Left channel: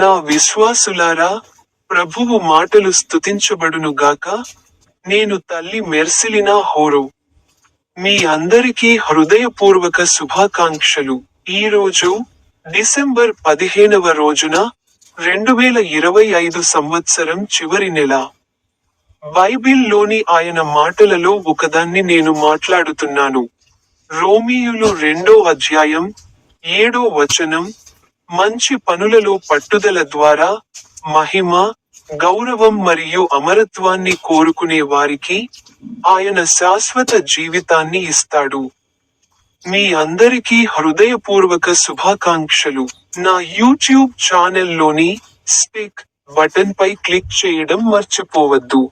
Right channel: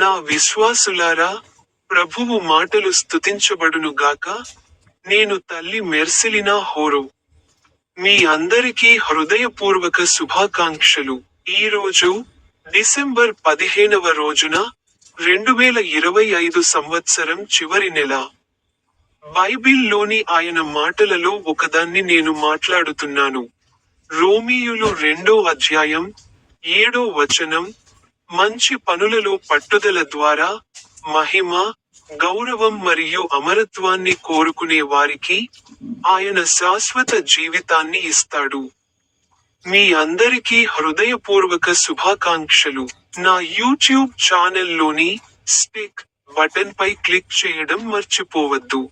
నా విశ్వాసులారా, ప్రభువు మాటలు స్తుతించబడునుగాక. నేను తల్లి మెర్సిలినా హోరో. మీ అందరికీ హృదయపూర్వక శుభాకాంక్షలు. ఈరోజు డిసెంబర్ 15వ రోజున 2025 సంవత్సరం చివరి నెల. బైబిల్లోని ఆయన మాటలలో ఒకదాన్ని నేను మాట్లాడుతున్నాను. రోమీయులు 2వ అధ్యాయం 7వ వచనం. మంచి పనులలో పట్టుదల ద్వారా మహిమ, గౌరవం మరియు అమరత్వాన్ని కోరుకునే వారికి ఆయన శాశ్వత జీవితాన్ని ఇస్తాడు. మీ అందరికీ హృదయపూర్వక శుభాకాంక్షలు. నా యూట్యూబ్ ఛానల్లోని స్పీక్ బటన్ పై క్లిక్ చేయడం మర్చిపోవద్దు.